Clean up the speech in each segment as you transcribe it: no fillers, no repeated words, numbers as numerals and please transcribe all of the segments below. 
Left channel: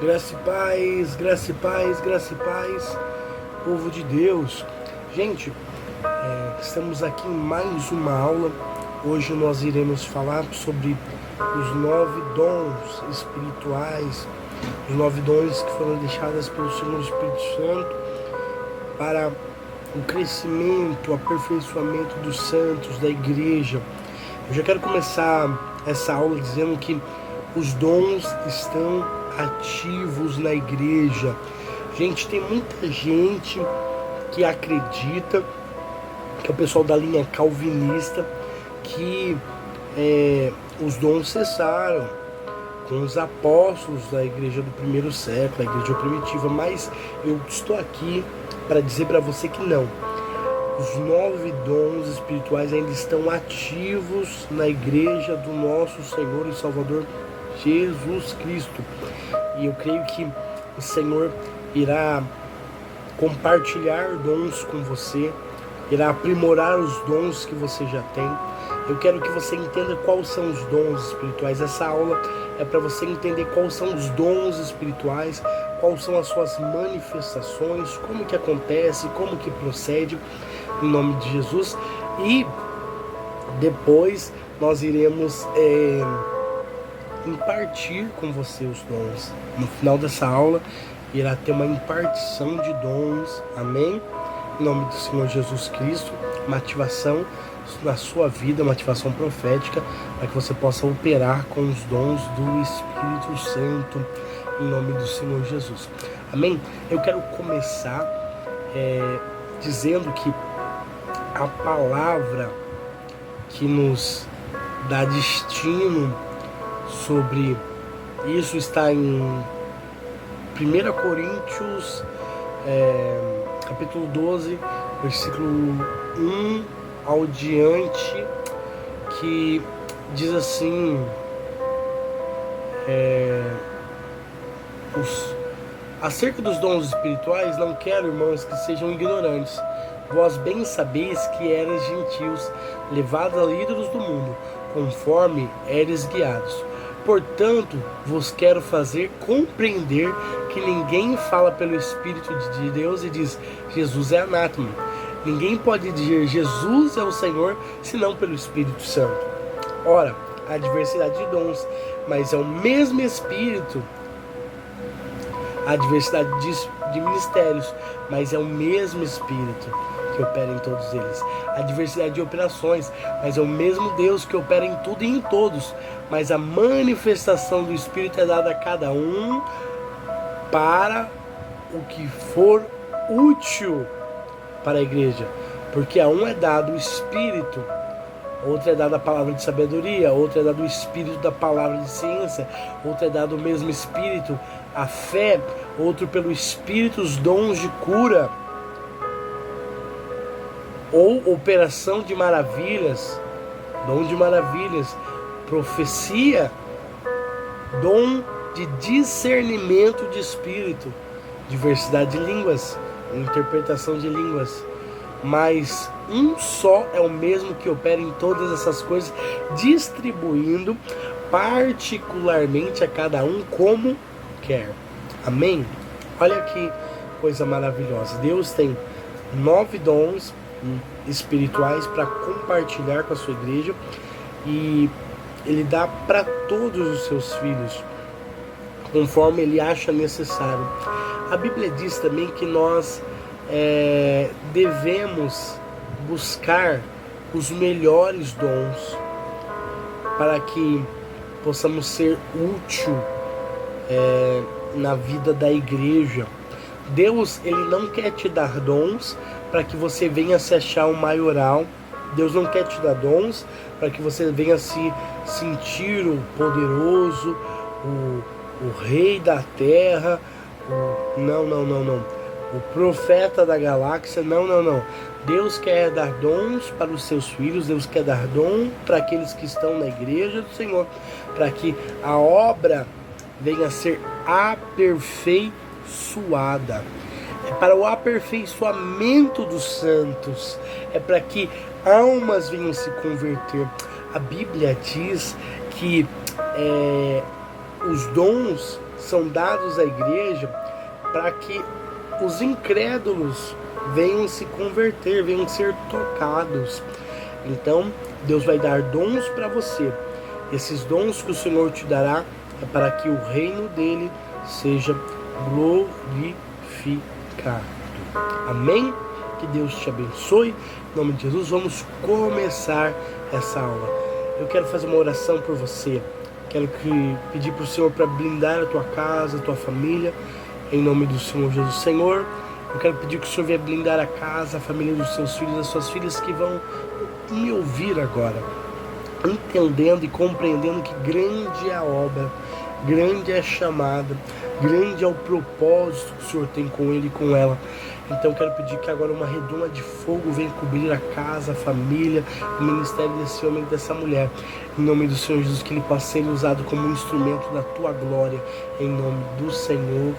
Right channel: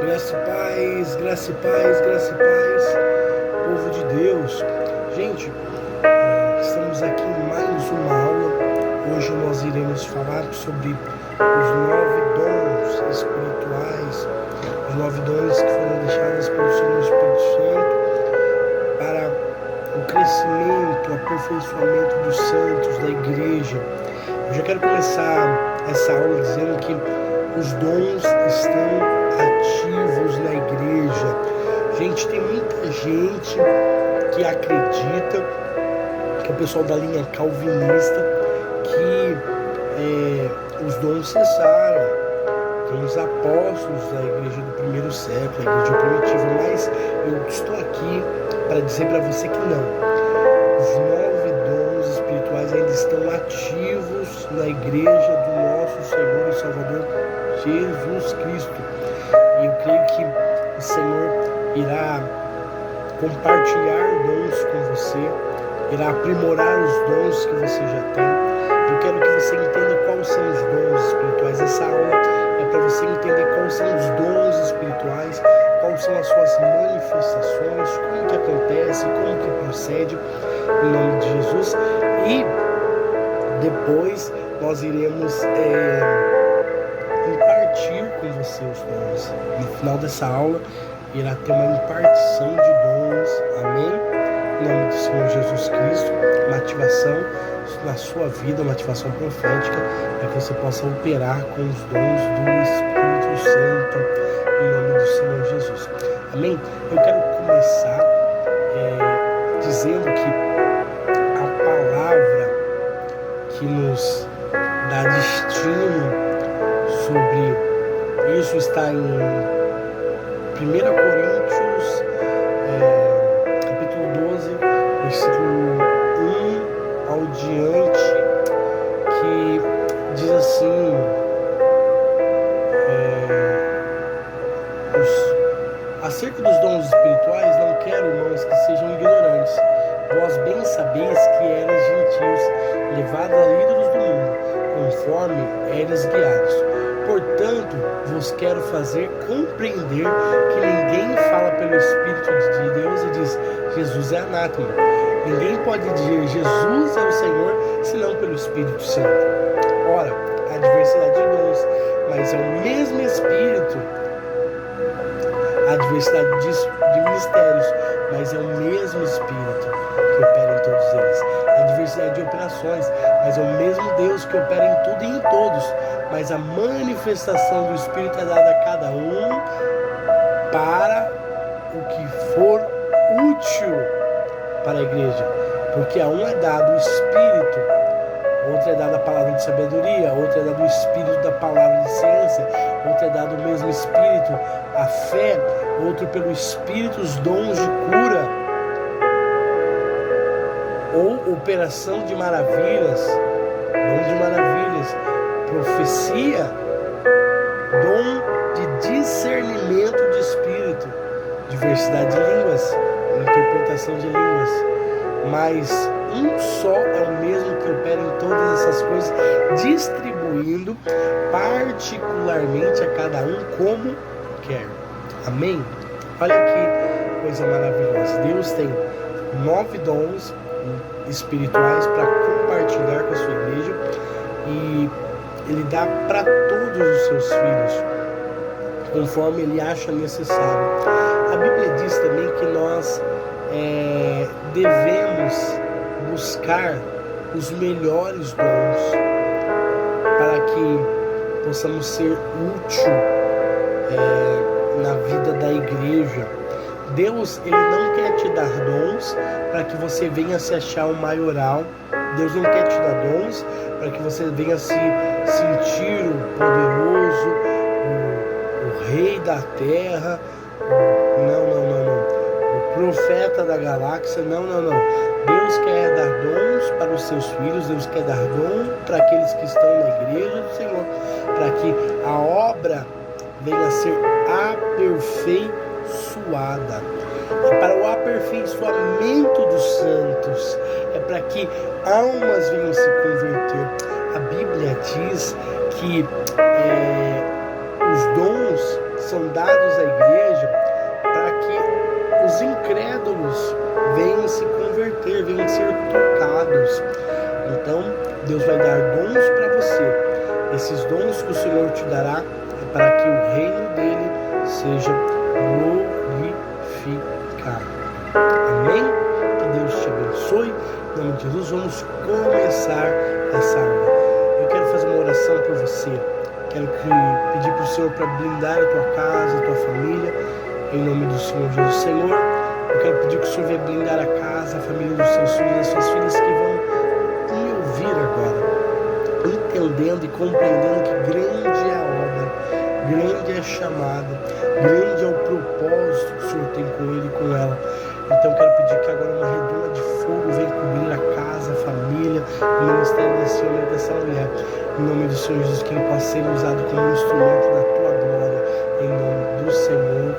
Graça e paz, graça e paz, graça e paz, povo de Deus. Gente, estamos aqui em mais uma aula. Hoje nós iremos falar sobre os 9 dons espirituais, os 9 dons que foram deixados pelo Senhor Espírito Santo para o crescimento, o aperfeiçoamento dos santos, da igreja. Eu já quero começar essa aula dizendo que os dons estão ativos na igreja. Gente, tem muita gente que acredita, que é o pessoal da linha calvinista, que os dons cessaram com os apóstolos da igreja do primeiro século, a igreja primitiva, mas eu estou aqui para dizer para você que não. Os 9 dons espirituais ainda estão ativos na igreja do nosso Senhor e Salvador Jesus Cristo. E eu creio que o Senhor irá compartilhar dons com você, irá aprimorar os dons que você já tem. Eu quero que você entenda quais são os dons espirituais. Essa aula é para você entender quais são os dons espirituais, quais são as suas manifestações, como que acontece, como que procede, em nome de Jesus. E depois nós iremos impartir com você os dons. No final dessa aula irá ter uma impartição de dons, amém? Em nome do Senhor Jesus Cristo, uma ativação na sua vida, uma ativação profética, para que você possa operar com os dons do Espírito Santo, em nome do Senhor Jesus, amém? Eu quero começar dizendo que a palavra que nos dá destino sobre isso está em 1 Coríntios, capítulo 12, versículo 1 ao diante, que diz assim: acerca dos dons espirituais, não quero, irmãos, que sejam ignorantes. Vós bem sabeis que eres gentios, levados a ídolos do mundo, conforme eres guiados. Portanto, vos quero fazer compreender que ninguém fala pelo Espírito de Deus e diz, Jesus é anátema. Ninguém pode dizer, Jesus é o Senhor, senão pelo Espírito Santo. Ora, há diversidade de dons, mas é o mesmo Espírito. Há diversidade de ministérios, mas é o mesmo Espírito que opera em todos eles. Há diversidade de operações, mas é o mesmo Deus que opera em tudo e em todos. Mas a manifestação do Espírito é dada a cada um para o que for útil para a igreja. Porque a um é dado o Espírito, outro é dado a palavra de sabedoria, outro é dado o Espírito da palavra de ciência, outro é dado o mesmo Espírito, a fé, outro pelo Espírito os dons de cura, ou operação de maravilhas, dom de maravilhas, profecia, dom de discernimento de espírito, diversidade de línguas, interpretação de línguas, mas um só é o mesmo que opera em todas essas coisas, distribuindo particularmente a cada um como quer. Amém? Olha que coisa maravilhosa. Deus tem 9 dons espirituais para compartilhar com a sua igreja, e Ele dá para todos os seus filhos, conforme Ele acha necessário. A Bíblia diz também que nós devemos buscar os melhores dons para que possamos ser útil na vida da igreja. Deus, Ele não quer te dar dons para que você venha se achar um maioral. Deus não quer te dar dons para que você venha se sentir o poderoso, o rei da terra, não. O profeta da galáxia, não. Deus quer dar dons para os seus filhos, Deus quer dar dom para aqueles que estão na igreja do Senhor, para que a obra venha a ser aperfeiçoada. É para o aperfeiçoamento dos santos, é para que almas venham se converter. A Bíblia diz que os dons são dados à igreja para que os incrédulos venham se converter, venham ser tocados. Então, Deus vai dar dons para você. Esses dons que o Senhor te dará é para que o reino dele seja glorificado. Amém? Que Deus te abençoe. Em nome de Jesus, vamos começar essa aula. Eu quero fazer uma oração por você. Quero pedir para o Senhor para blindar a tua casa, a tua família. Em nome do Senhor Jesus. Senhor, eu quero pedir que o Senhor venha blindar a casa, a família dos seus filhos, das suas filhas que vão me ouvir agora, entendendo e compreendendo que grande é a obra, grande é a chamada, grande é o propósito que o Senhor tem com ele e com ela. Então quero pedir que agora uma redoma de fogo venha cobrir a casa, a família, o ministério desse homem e dessa mulher. Em nome do Senhor Jesus, que ele possa ser usado como um instrumento da tua glória. Em nome do Senhor.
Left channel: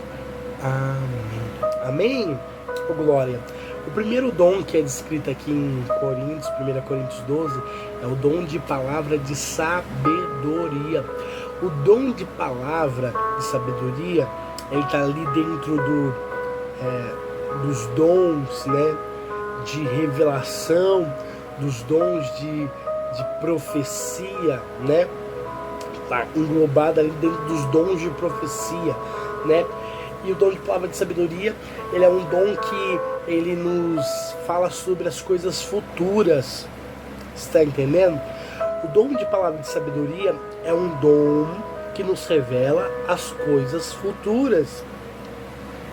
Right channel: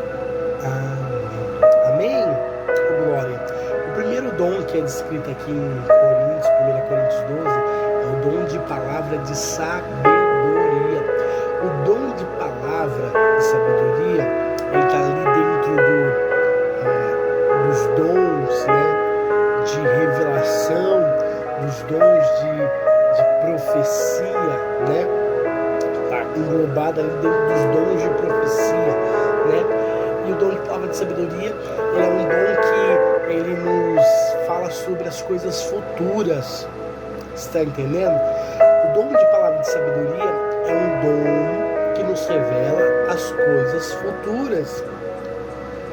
Amém. Amém? Oh, glória. O primeiro dom que é descrito aqui em Coríntios, 1 Coríntios 12, é o dom de palavra de sabedoria. O dom de palavra de sabedoria, ele está ali dentro dos dons, né, de revelação, dos dons de profecia, né? Está englobado ali dentro dos dons de profecia, né? E o dom de palavra de sabedoria, ele é um dom que ele nos fala sobre as coisas futuras. Está entendendo? O dom de palavra de sabedoria é um dom que nos revela as coisas futuras.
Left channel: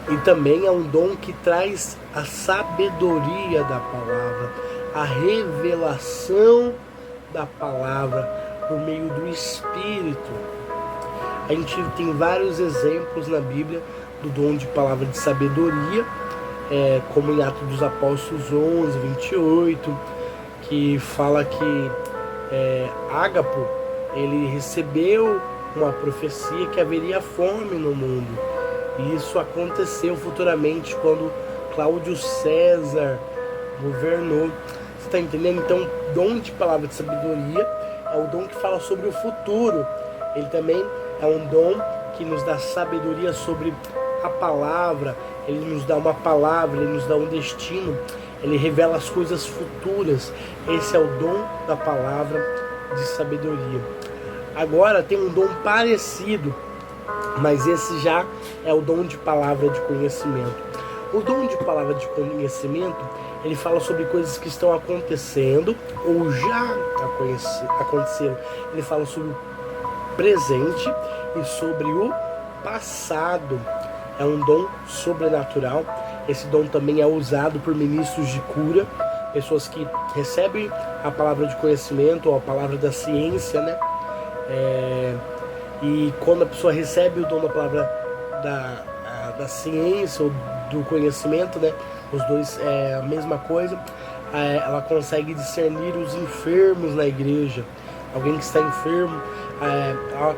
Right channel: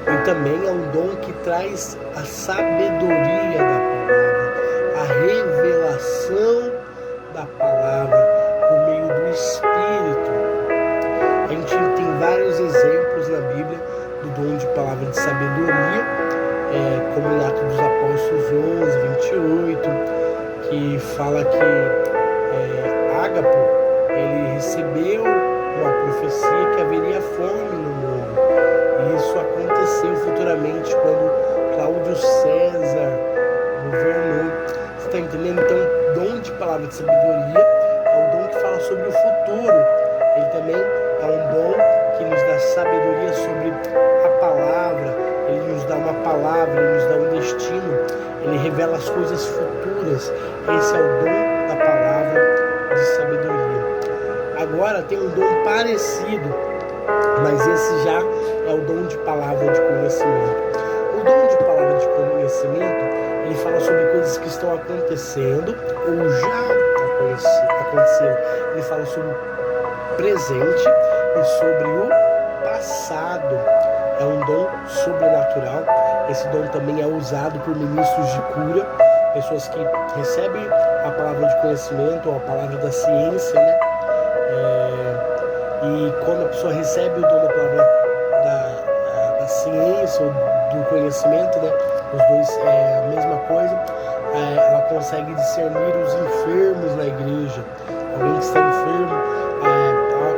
E também é um dom que traz a sabedoria da palavra, a revelação da palavra por meio do Espírito. A gente tem vários exemplos na Bíblia do dom de palavra de sabedoria, como em Atos dos Apóstolos 11, 28, que fala que Ágapo, ele recebeu uma profecia que haveria fome no mundo. E isso aconteceu futuramente quando Cláudio César governou. Você está entendendo? Então, o dom de palavra de sabedoria é o dom que fala sobre o futuro. Ele também é um dom que nos dá sabedoria sobre a palavra. Ele nos dá uma palavra, ele nos dá um destino. Ele revela as coisas futuras. Esse é o dom da palavra de sabedoria. Agora tem um dom parecido, mas esse já é o dom de palavra de conhecimento. O dom de palavra de conhecimento, ele fala sobre coisas que estão acontecendo ou já aconteceram. Ele fala sobre o presente e sobre o passado. É um dom sobrenatural. Esse dom também é usado por ministros de cura, pessoas que recebem a palavra de conhecimento ou a palavra da ciência, né? E quando a pessoa recebe o dom da palavra da ciência ou do conhecimento, né? Os dois é a mesma coisa. Ela consegue discernir os enfermos na igreja. Alguém que está enfermo,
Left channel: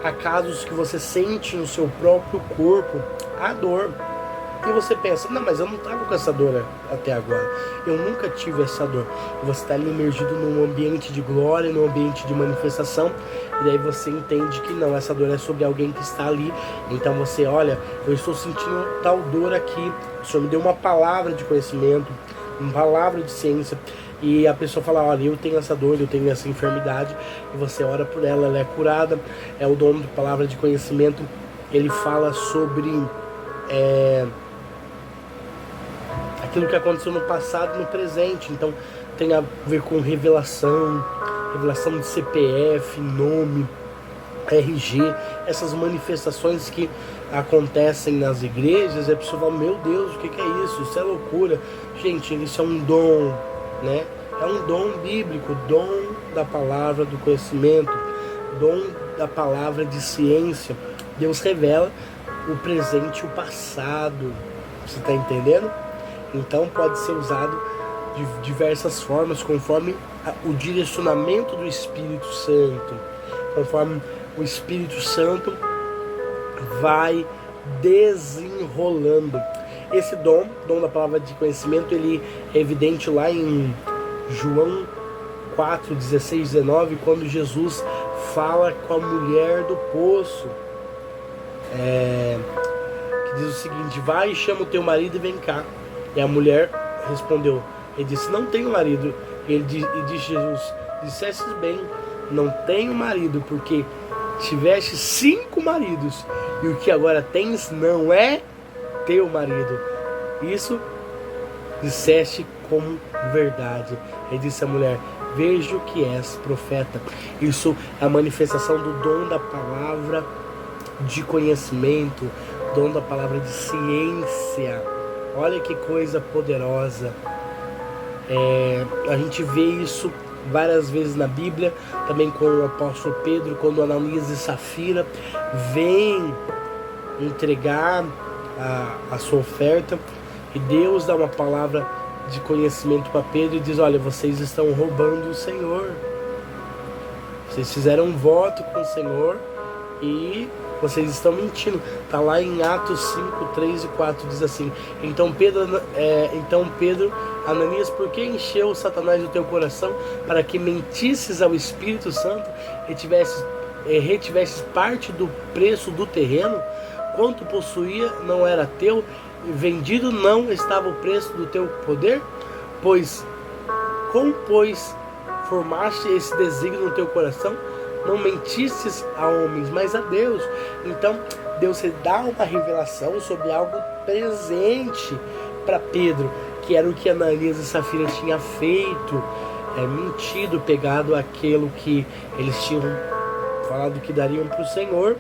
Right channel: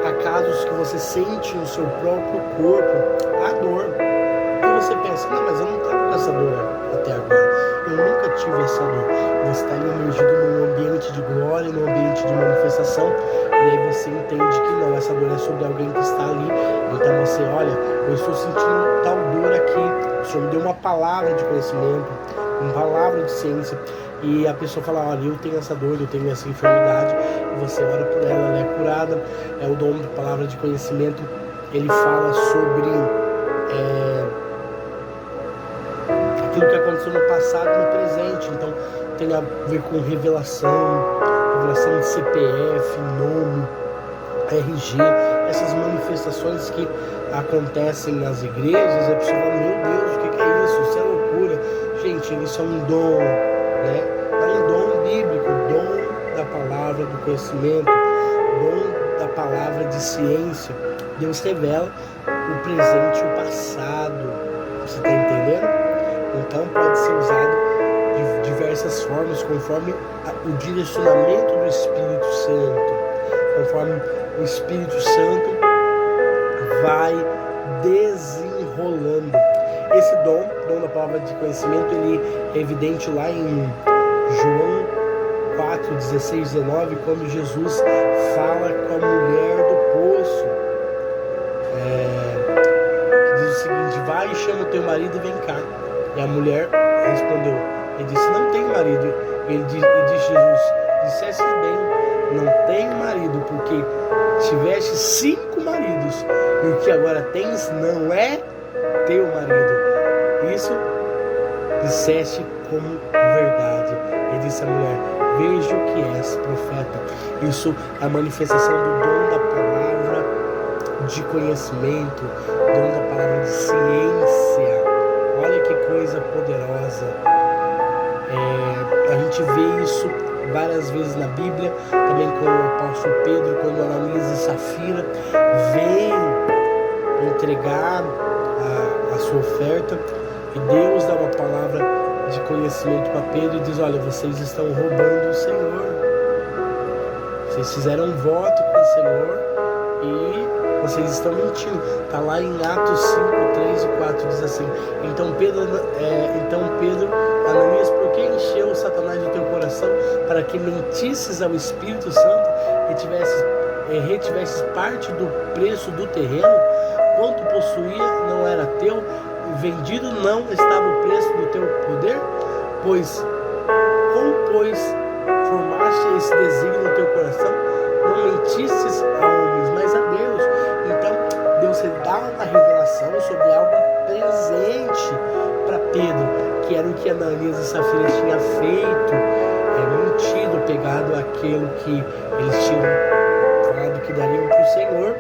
há casos que você sente no seu próprio corpo a dor. E você pensa, não, mas eu não estava com essa dor até agora. Eu nunca tive essa dor. Você está ali emergido num ambiente de glória, num ambiente de manifestação. E aí você entende que não, essa dor é sobre alguém que está ali. Então você, olha, eu estou sentindo tal dor aqui. O Senhor me deu uma palavra de conhecimento, uma palavra de ciência. E a pessoa fala, olha, eu tenho essa dor, eu tenho essa enfermidade. E você ora por ela, ela é curada. É o dom de palavra de conhecimento. Ele fala sobre aquilo que aconteceu no passado e no presente. Então tem a ver com revelação de CPF, nome, RG, essas manifestações que acontecem nas igrejas. E a pessoa fala, meu Deus, o que é isso? Isso é loucura. Gente, isso é um dom, né? É um dom bíblico, dom da palavra do conhecimento, dom da palavra de ciência. Deus revela o presente e o passado. Você está entendendo? Então pode ser usado de diversas formas, conforme o direcionamento do Espírito Santo, conforme o Espírito Santo vai desenrolando. Esse dom da palavra de conhecimento, ele é evidente lá em João 4, 16, 19, quando Jesus fala com a mulher do poço. que diz o seguinte: vai e chama o teu marido e vem cá. E a mulher respondeu, ele disse, não tenho marido. E disse Jesus, disseste bem, não tenho marido, porque tiveste 5 maridos, e o que agora tens não é teu marido. Isso disseste como verdade. E disse a mulher, vejo que és profeta. Isso é a manifestação do dom da palavra de conhecimento, dom da palavra de ciência. Olha que coisa poderosa. A gente vê isso várias vezes na Bíblia, também com o apóstolo Pedro, quando Ananias e Safira vêm entregar a sua oferta, e Deus dá uma palavra de conhecimento para Pedro e diz, olha, vocês estão roubando o Senhor, vocês fizeram um voto com o Senhor e vocês estão mentindo. Está lá em Atos 5, 3 e 4, diz assim, então Pedro, Ananias, por que encheu Satanás o teu coração para que mentisses ao Espírito Santo e retivesses parte do preço do terreno? Quanto possuía não era teu, vendido não estava o preço do teu poder? Pois formaste esse desígnio no teu coração, não mentistes a homens, mas a Deus. Então Deus dá uma revelação sobre algo presente para Pedro, que era o que Ananias e Safira tinham feito, mentido, pegado aquilo que eles tinham falado que dariam para o Senhor,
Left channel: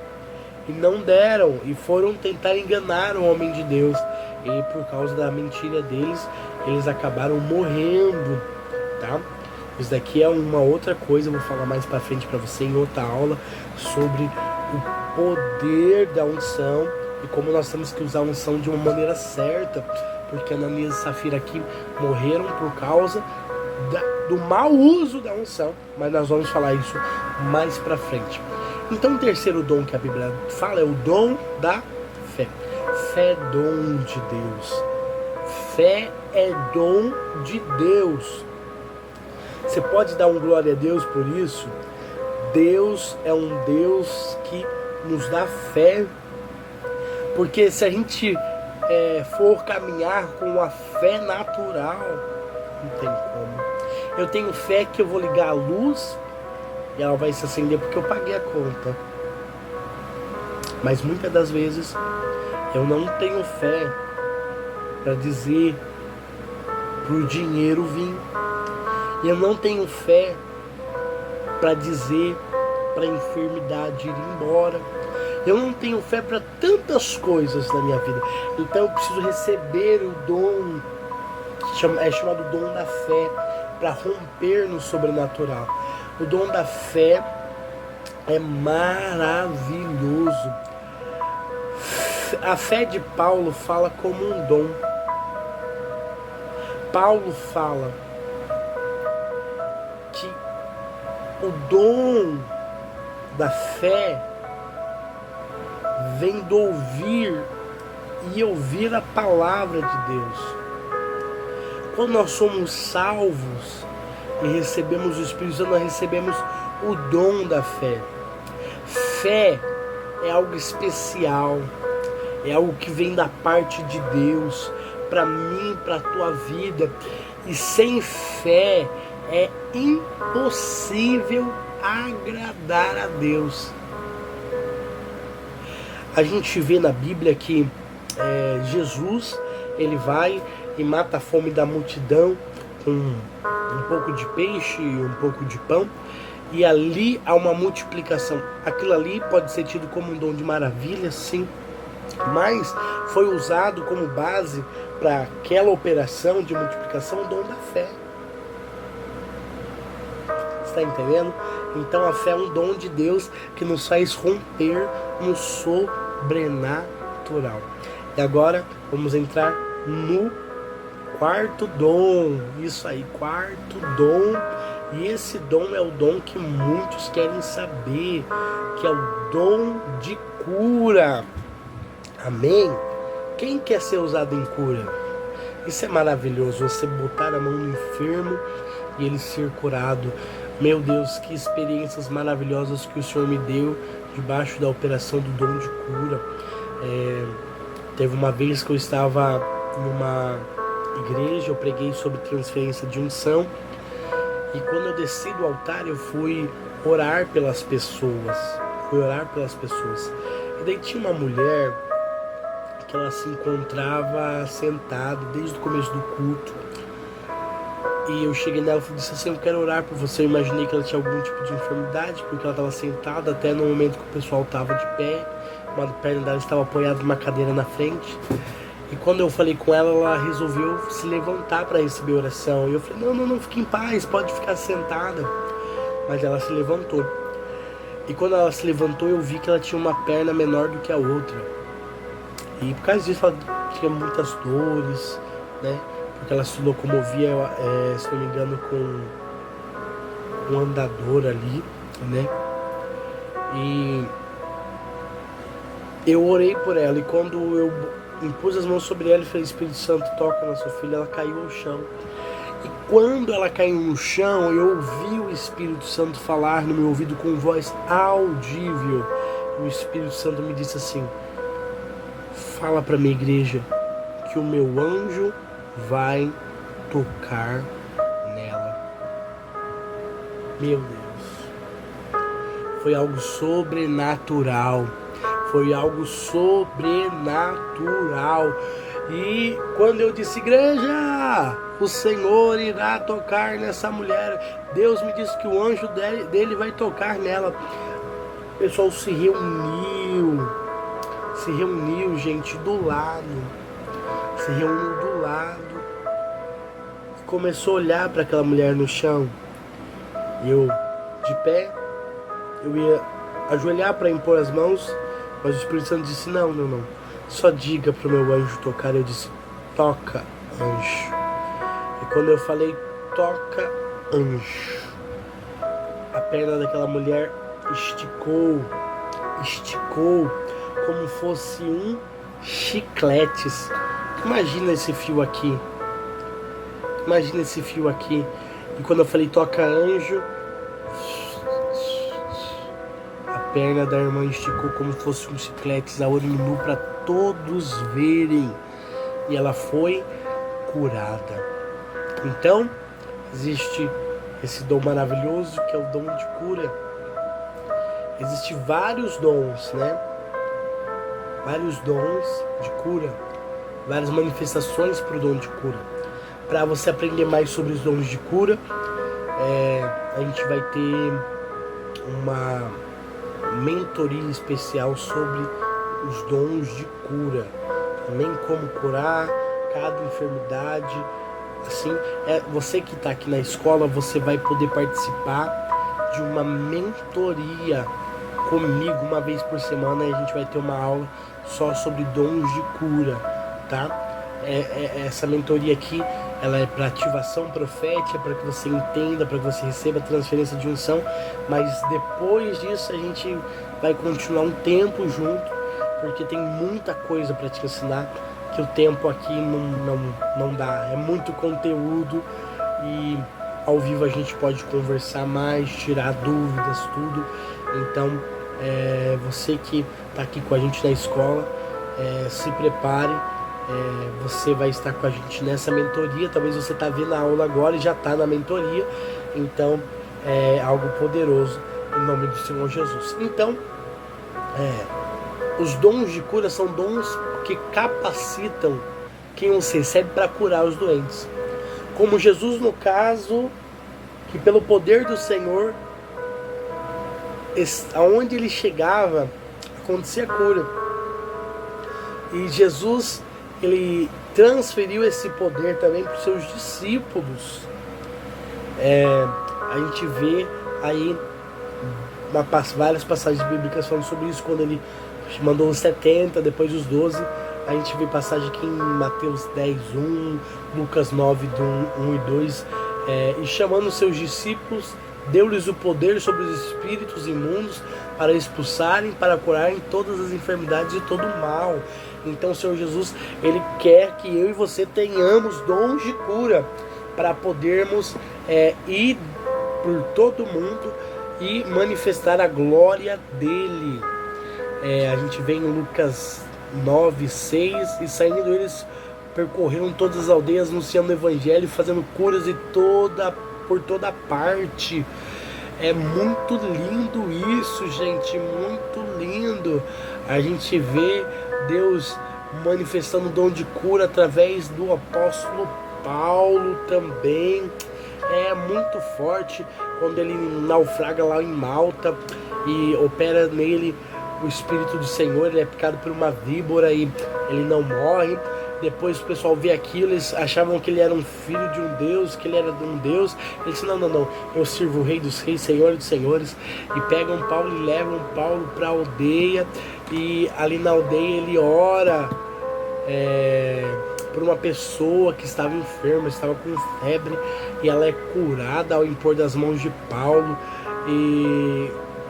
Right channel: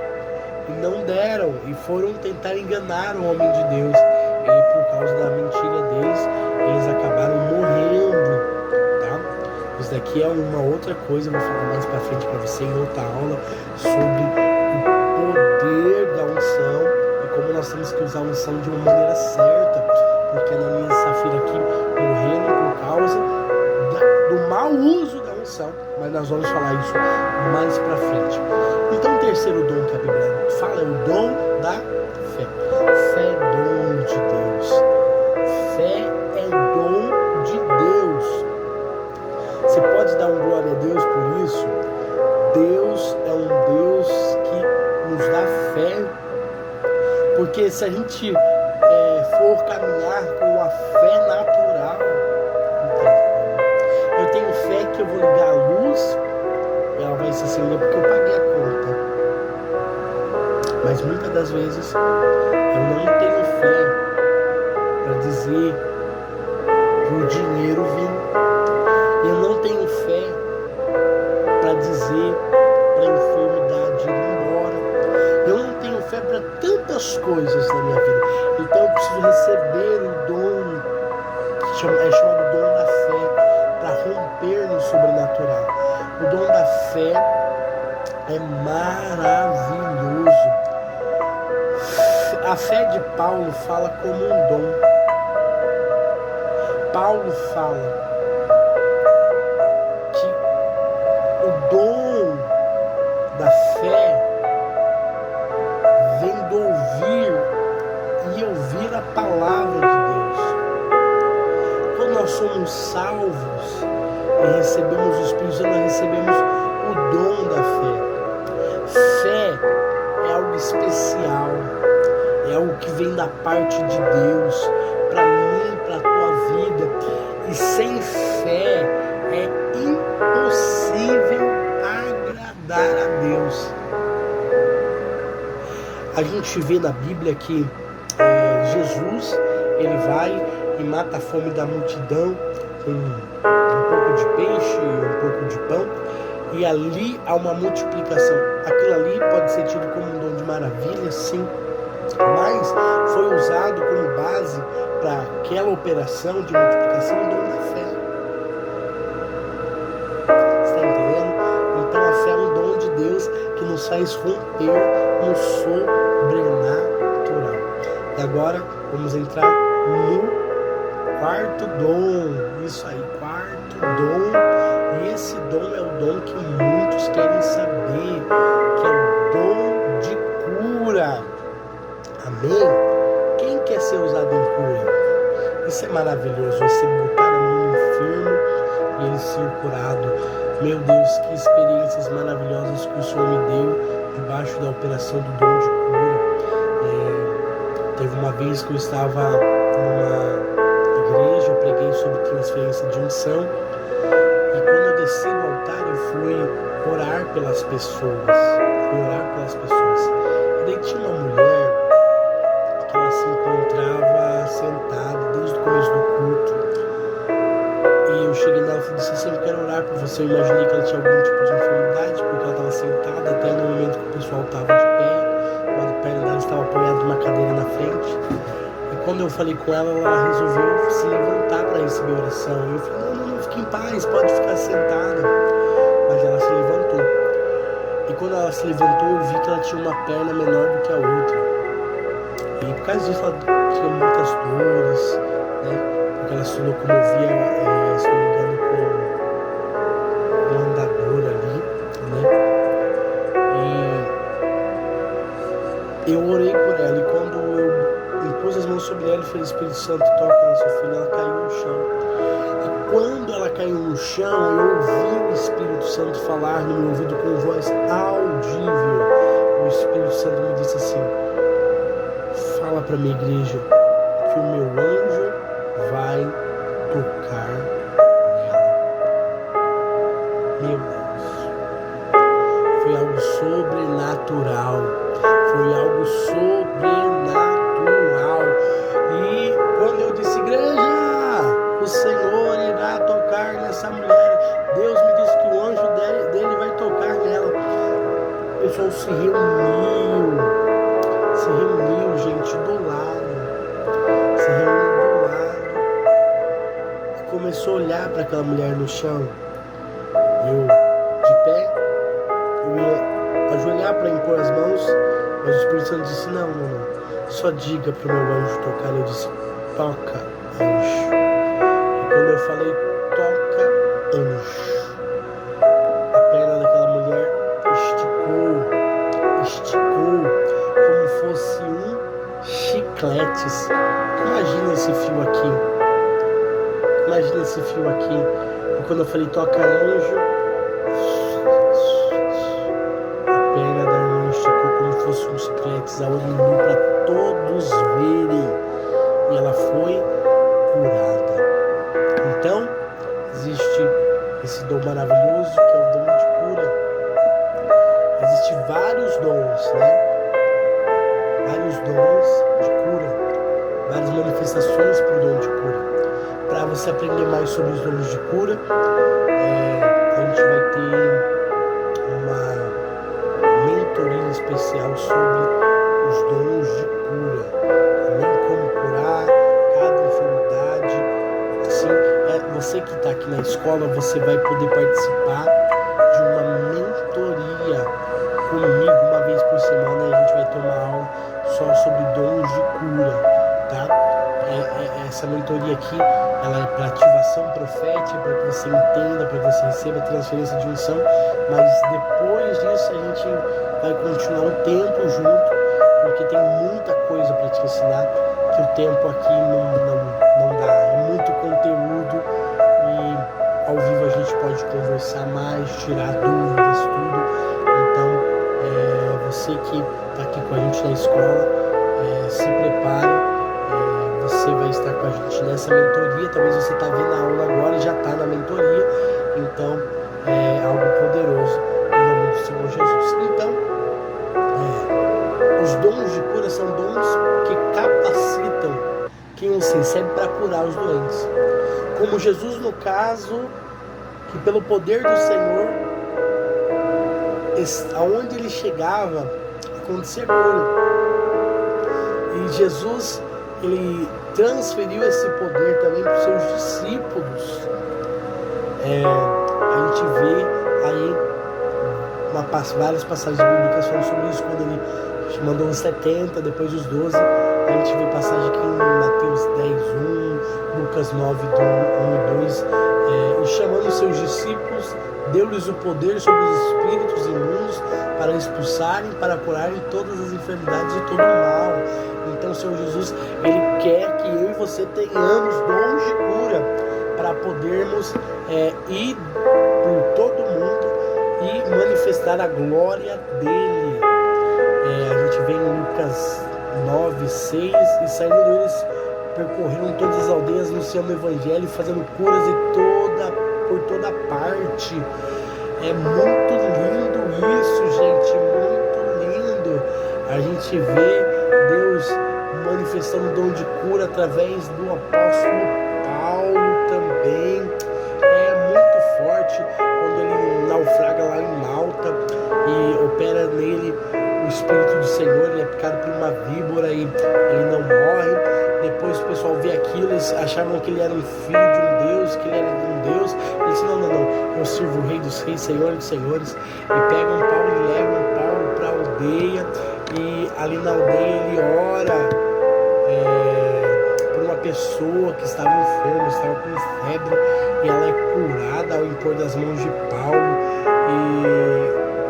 e não deram, e foram tentar enganar o homem de Deus, e por causa da mentira deles, eles acabaram morrendo, tá? Isso daqui é uma outra coisa, eu vou falar mais para frente para você em outra aula, sobre o poder da unção, e como nós temos que usar a unção de uma maneira certa, porque Ananias e Safira aqui morreram por causa do mau uso da unção, mas nós vamos falar isso mais para frente. Então o terceiro dom que a Bíblia fala é o dom da fé. Fé é dom de Deus. Fé é dom de Deus. Você pode dar um glória a Deus por isso? Deus é um Deus que nos dá fé, porque se a gente for caminhar com a fé natural, não tem como. Eu tenho fé que eu vou ligar a luz e ela vai se acender porque eu paguei a conta, mas muitas das vezes eu não tenho fé para dizer pro dinheiro vir, eu não tenho fé para dizer para a enfermidade ir embora, eu não tenho fé para tantas coisas na minha vida. Então eu preciso receber o dom, é chamado dom da fé, para romper no sobrenatural. O dom da fé é maravilhoso. A fé de Paulo fala como um dom. Paulo fala que o dom da fé vem do ouvir e ouvir a palavra de Deus. Quando nós somos salvos e recebemos o Espírito Santo, nós recebemos o dom da fé. Fé é algo especial, é algo que vem da parte de Deus para mim, para a tua vida. E sem fé é impossível agradar a Deus. A gente vê na Bíblia que Jesus, ele vai e mata a fome da multidão com um pouco de peixe e um pouco de pão, e ali há uma multiplicação. Aquilo ali pode ser tido como um dom de maravilha, sim, mas foi usado como base para aquela operação de multiplicação, o dom da fé. Está entendendo? Então a fé é um dom de Deus que nos faz romper no sobrenatural. E agora vamos entrar no quarto dom. Isso aí, quarto dom. E esse dom é o dom que muitos querem saber, que é o dom de cura. Amém? Quem quer ser usado em cura? Isso é maravilhoso, você botar a mão no enfermo e ele ser curado. Meu Deus, que experiências maravilhosas que o Senhor me deu debaixo da operação do dom de cura. Teve uma vez que eu estava numa igreja, eu preguei sobre transferência de unção, e quando eu desci do altar eu fui orar pelas pessoas. E daí tinha uma mulher que ela se encontrava sentada desde o começo do culto. E eu cheguei nela e disse assim: eu quero orar por você. Eu imaginei que ela tinha algum tipo de enfermidade, porque ela estava sentada até no momento que o pessoal estava de pé. Uma perna dela estava apoiada numa cadeira na frente. E quando eu falei com ela, ela resolveu se levantar para receber oração. E eu falei: não, fique em paz, pode ficar sentada. Mas ela se levantou. E quando ela se levantou, eu vi que ela tinha uma perna menor do que a outra. E por causa disso ela tinha muitas dores, né? Porque ela se locomovia, se não me engano, com um andador ali, né? E eu orei por ela, e quando eu impus as mãos sobre ela e falei: Espírito Santo, toca na sua filha, ela caiu no chão. E quando ela caiu no chão, eu ouvi o Espírito Santo falar no meu ouvido com voz audível. O Espírito Santo me disse assim: fala para minha igreja que o meu anjo vai tocar nela. Meu Deus, foi algo sobrenatural. Foi algo sobrenatural. E quando eu disse: igreja, o Senhor irá tocar nessa mulher, Deus me disse que o anjo dele vai tocar nela. O pessoal se reuniu, gente, do lado. Se reuniu do lado e começou a olhar para aquela mulher no chão. Eu, de pé, eu ia ajoelhar para impor as mãos, mas o Espírito Santo disse: não, só diga para o meu anjo tocar. Eu disse: toca, anjo. E quando eu falei toca, anjo, a perna daquela mulher esticou como fosse um chiclete. Imagina esse fio aqui. E quando eu falei toca, anjo, a perna da irmã esticou como fosse um chiclete, a olho nu para todos verem. E ela foi curada. Então, existe esse dom maravilhoso que é o dom de cura. Existem vários dons, né? Vários dons de cura, várias manifestações para o dom de cura. Para você aprender mais sobre os dons de cura, a gente vai ter uma mentoria especial sobre os dons de cura. Também como curar cada enfermidade. Assim, você que está aqui na escola, você vai poder participar de uma mentoria comigo uma vez por semana, e a gente vai ter uma aula só sobre dons de cura, tá? Essa mentoria aqui, ela é para ativação profética, para que você entenda, para que você receba a transferência de unção, mas depois disso a gente vai continuar um tempo junto, porque tem muita coisa para te ensinar, que o tempo aqui não dá, é muito conteúdo, e ao vivo a gente pode conversar mais, tirar dúvidas, tudo. Então, você que está aqui com a gente na escola, se prepare, você vai estar com a gente nessa mentoria. Talvez você está vendo a aula agora e já está na mentoria, então é algo poderoso em nome do Senhor Jesus. Então, os dons de cura são dons que capacitam quem os recebe para curar os doentes, como Jesus, no caso, que pelo poder do Senhor, aonde ele chegava, acontecia cura. E Jesus, ele transferiu esse poder também para os seus discípulos. A gente vê aí várias passagens bíblicas falando sobre isso, quando ele mandou os 70, depois os 12. A gente vê passagem aqui em Mateus 10:1, Lucas 9:1 e 2, e chamando os seus discípulos, deu-lhes o poder sobre os espíritos imundos para expulsarem, para curarem todas as enfermidades e todo o mal. Então o Senhor Jesus, ele quer que eu e você tenhamos dons de cura, para podermos ir por todo mundo e manifestar a glória dele. A gente vê em Lucas 9, 6, e saindo eles percorreram todas as aldeias, anunciando o evangelho, fazendo curas por toda parte. É muito lindo isso, gente, muito lindo. A gente vê Deus manifestando o dom de cura através do apóstolo Paulo também. É muito forte quando ele naufraga lá em Malta e opera nele o Espírito do Senhor. Ele é picado por uma víbora e ele não morre. Depois o pessoal vê aquilo, eles achavam que ele era um filho de um Deus, que ele era de um Deus. Ele disse, não, eu sirvo o Rei dos Reis, Senhor dos Senhores. E pegam Paulo e levam Paulo para a aldeia. E ali na aldeia ele ora por uma pessoa que estava enferma, estava com febre. E ela é curada ao impor das mãos de Paulo.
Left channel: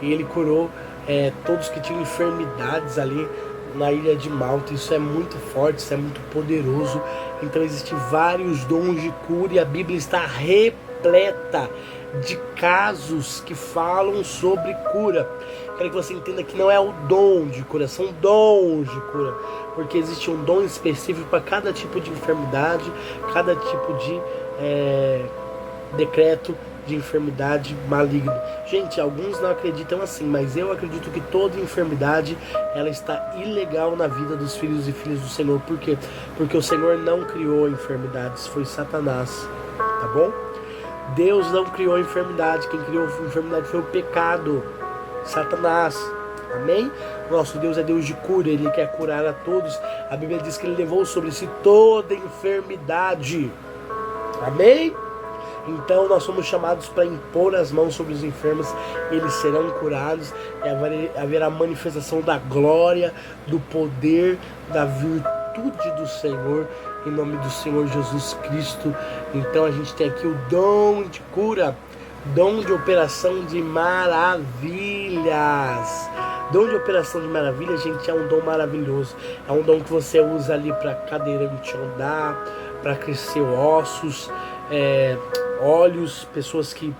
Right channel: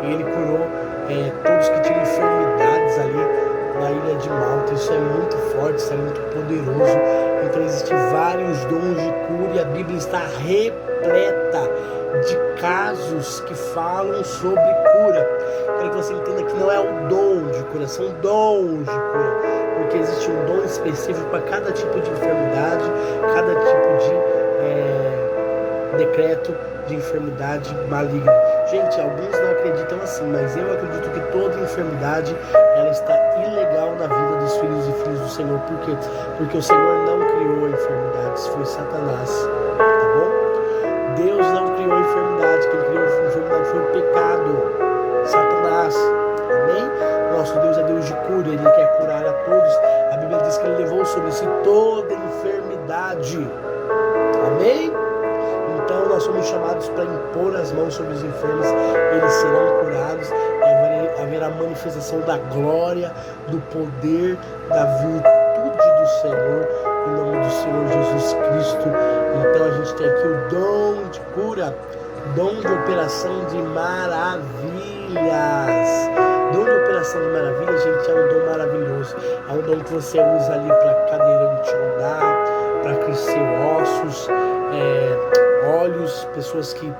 E ele curou todos que tinham enfermidades ali na ilha de Malta. Isso é muito forte, isso é muito poderoso. Então existem vários dons de cura e a Bíblia está repleta de casos que falam sobre cura. Quero que você entenda que não é o dom de cura, são dons de cura, porque existe um dom específico para cada tipo de enfermidade, cada tipo de decreto de enfermidade maligna. Gente, alguns não acreditam assim, mas eu acredito que toda enfermidade ela está ilegal na vida dos filhos e filhas do Senhor. Por quê? Porque o Senhor não criou enfermidades, foi Satanás, tá bom? Deus não criou enfermidade, quem criou a enfermidade foi o pecado, Satanás. Amém? Nosso Deus é Deus de cura, Ele quer curar a todos. A Bíblia diz que Ele levou sobre si toda enfermidade. Amém? Então nós somos chamados para impor as mãos sobre os enfermos, eles serão curados, haverá manifestação da glória, do poder, da virtude do Senhor, em nome do Senhor Jesus Cristo. Então a gente tem aqui o dom de cura, dom de operação de maravilhas. Dom de operação de maravilhas, gente, é um dom maravilhoso. É um dom que você usa ali para cadeirante andar, para crescer ossos, olhos, pessoas que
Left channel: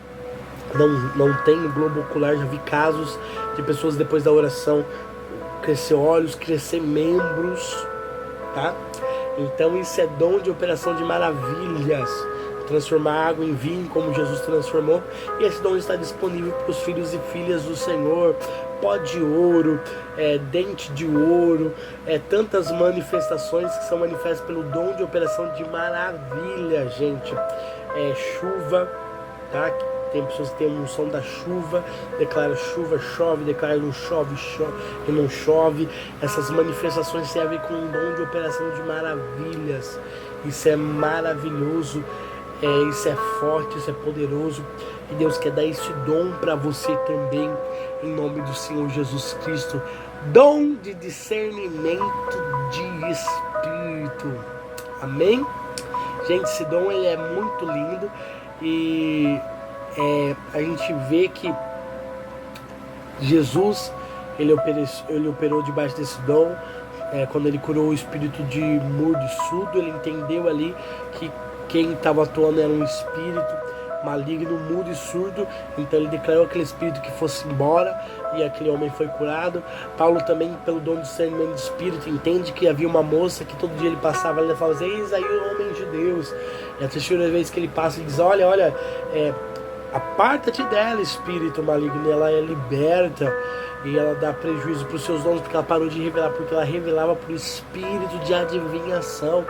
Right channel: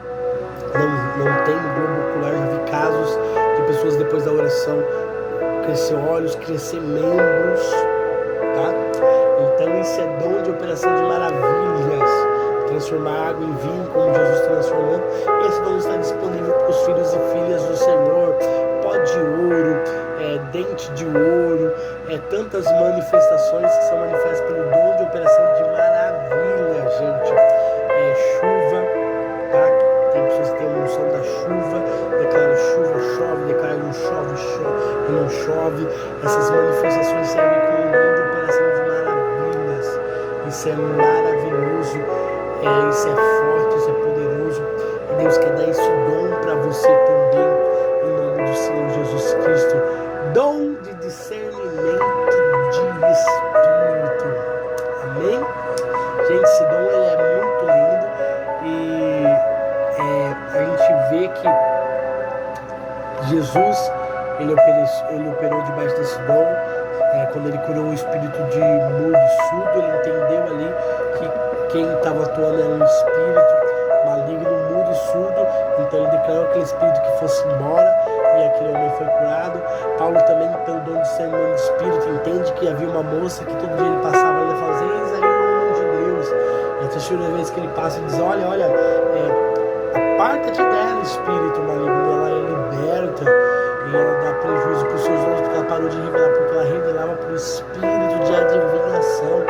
não têm globo ocular. Já vi casos de pessoas depois da oração crescer olhos, crescer membros, tá? Então isso é dom de operação de maravilhas, transformar água em vinho como Jesus transformou. E esse dom está disponível para os filhos e filhas do Senhor. Pó de ouro, dente de ouro, tantas manifestações que são manifestas pelo dom de operação de maravilha, gente. Chuva, tá? Tem pessoas que têm a unção da chuva, declara chuva, chove, declara não chove, não chove. Essas manifestações servem como um dom de operação de maravilhas. Isso é maravilhoso, isso é forte, isso é poderoso. E Deus quer dar esse dom para você também, em nome do Senhor Jesus Cristo. Dom de discernimento de espírito. Amém? Gente, esse dom ele é muito lindo e a gente vê que Jesus ele operou debaixo desse dom. Quando ele curou o espírito de mudo e surdo, ele entendeu ali que quem estava atuando era um espírito maligno, mudo e surdo. Então ele declarou aquele espírito que fosse embora e aquele homem foi curado. Paulo também, pelo dom de discernimento de espírito, entende que havia uma moça que todo dia ele passava ali e falava: eis aí o homem de Deus. E a terceira vez que ele passa, ele diz: olha, aparta-te dela, espírito maligno. E ela é liberta e ela dá prejuízo para os seus dons, porque ela parou de revelar, porque ela revelava para o espírito de adivinhação.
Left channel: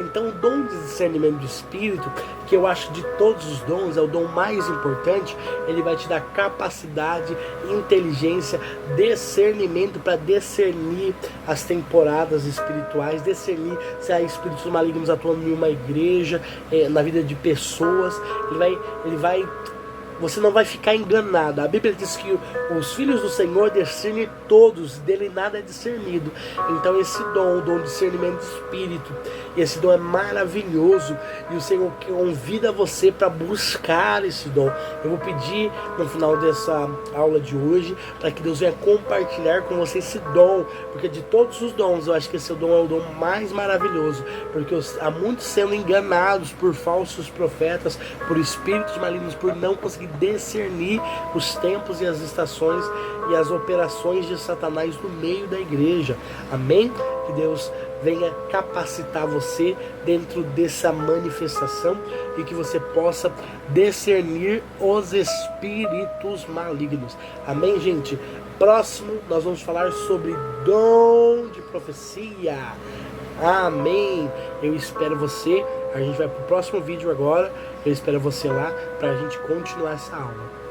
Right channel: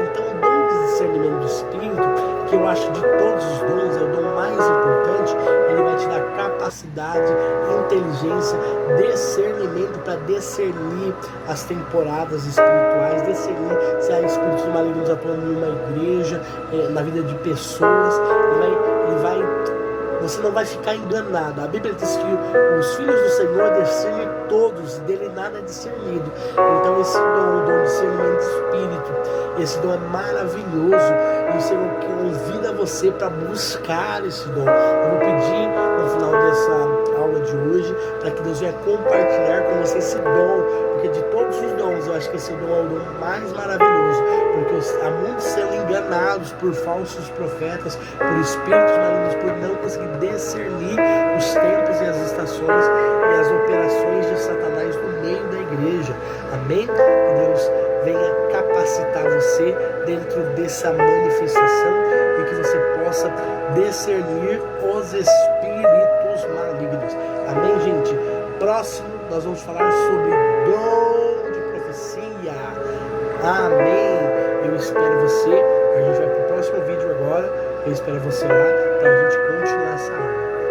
Então o dom de discernimento de espírito, que eu acho de todos os dons é o dom mais importante, ele vai te dar capacidade, inteligência, discernimento para discernir as temporadas espirituais, discernir se há espíritos malignos atuando em uma igreja, na vida de pessoas. Você não vai ficar enganado. A Bíblia diz que os filhos do Senhor discernem todos, dele nada é discernido. Então esse dom, o dom de discernimento de espírito, esse dom é maravilhoso. E o Senhor convida você para buscar esse dom. Eu vou pedir no final dessa aula de hoje para que Deus venha compartilhar com você esse dom, porque de todos os dons eu acho que esse dom é o dom mais maravilhoso, porque há muitos sendo enganados por falsos profetas, por espíritos malignos, por não conseguir discernir os tempos e as estações e as operações de Satanás no meio da igreja. Amém? Que Deus venha capacitar você dentro dessa manifestação e que você possa discernir os espíritos malignos. Amém, gente? Próximo, nós vamos falar sobre dom de profecia. Amém. Eu espero você. A gente vai para o próximo vídeo agora. Eu espero você lá para a gente continuar essa aula.